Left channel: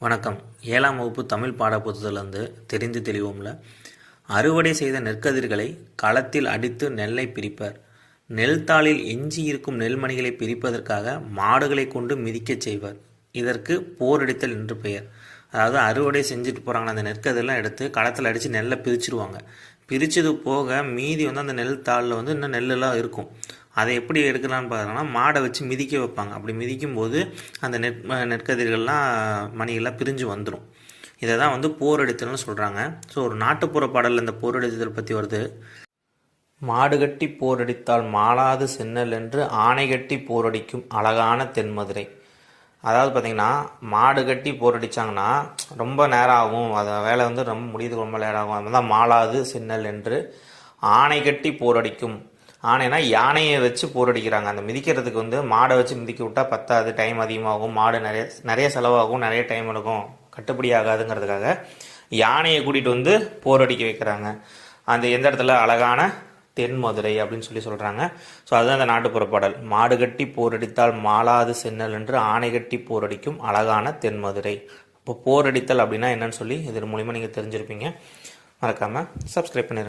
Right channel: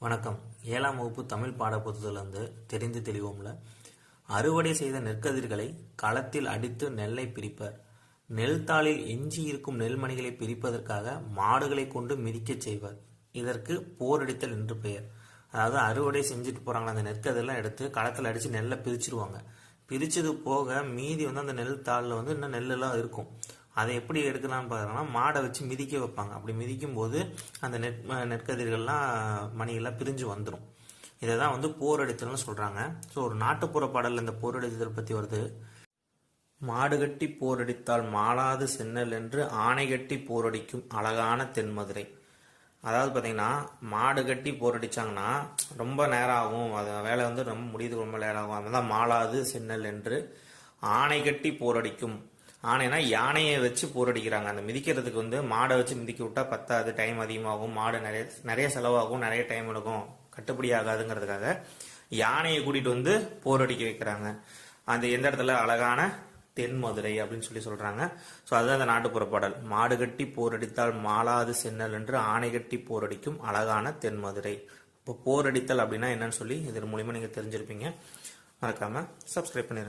வணக்கம். ஏழாம் வகுப்பு தமிழ் பாடப்புத்தகத்திலிருந்து தெரிந்து தெளிவோம்ல. அறுவடை செய்த நெற்கதிர்களை களத்தில் அடித்து நெல்லை பிரிப்பர். நெல் தாளில் எஞ்சி இருக்கும் நெல்மணிகளை பிரிப்பதற்காக மாடுகளை கொண்டு மிதிக்கச் செய்வர். இதற்கு போரடித்தல் என்று பெயர். அதாவது அறுவடை செஞ்சுட்டு போகிறாங்க அந்த நெற்கதிரெலாம் எடுத்து களத்தில் அடித்து நெல்லை பிரிச்சிருவாங்க. பிரித்தது போக மீதி வந்து அந்த நெல் தாளில் வந்து இன்னும் நெல்லெல்லாம் இருக்கும். அதை எப்படி எடுக்கலாம்னு பார்த்தோம்னா மாடை வச்சு மிதிக்க வைப்பாங்க. அப்படி மிதிக்கும் போது அந்த நெற் நெற்கதிர்கள்லாம் மணிகள்லாம் பிரிஞ்சு வந்துடும் இதை தான் வந்து போரடித்தல்னு சொல்கிறாங்க ஸோ ஒரு நாட்டுப்புற பாடலில் இந்த போரடித்தல் பற்றி வருது. மாடு கட்டி போரடித்தால் மாளாது சென்னல் என்று ஆணை கட்டி போரடிக்கும் அழகான தென்மதுரை. அதாவது பார்த்தீங்கன்னா மாடு கட்டி போரடிச்சாங்கன்னா ரொம்ப நேரம் ஆகும் அதை வேலை வந்து ரொம்ப முடியுது ரொம்ப நேரம் ஆகும். அதுதான் மாளாது சென்னல் என்று ஆணை கட்டி போரடிக்கும் ஆணைனா யானையை வச்சு போரடிக்கிறாங்க. அந்த மிதிக்கிறதுக்கு வந்து மாடை வச்சு மிதிக்க விட்டா பத்தாது டைம் அதிகமாகும் மாடு நிறைய நிறைய செலவாகும் நிறைய டைம் எடுக்கும். கட்டுப்படி ஆகாதுங்கிறதுக்காக யானையை கூட்டிகிட்டு வந்து போரடிக்க வைக்கிறாங்க. அந்த எந்த இடத்துல? அழகான தென் மதுரை அப்படின்னு சொல்லி சொல்கிறாங்க ஸோ அதுதான் அந்த நாட்டுப்புற பாடல் மாடு கட்டி போரடித்தால் மாலாது சென்னல் என்று ஆணை கட்டி போரடிக்கும் அழகான தென் மதுரை. இப்போ போரடித்தல் அப்படின்னா என்னன்னு சொல்லி இதன் மூலிமா நீங்கள் தெரிஞ்சிருப்பீங்க. மறக்காமல் சப்ஸ்கிரைப் பண்ணிடுங்க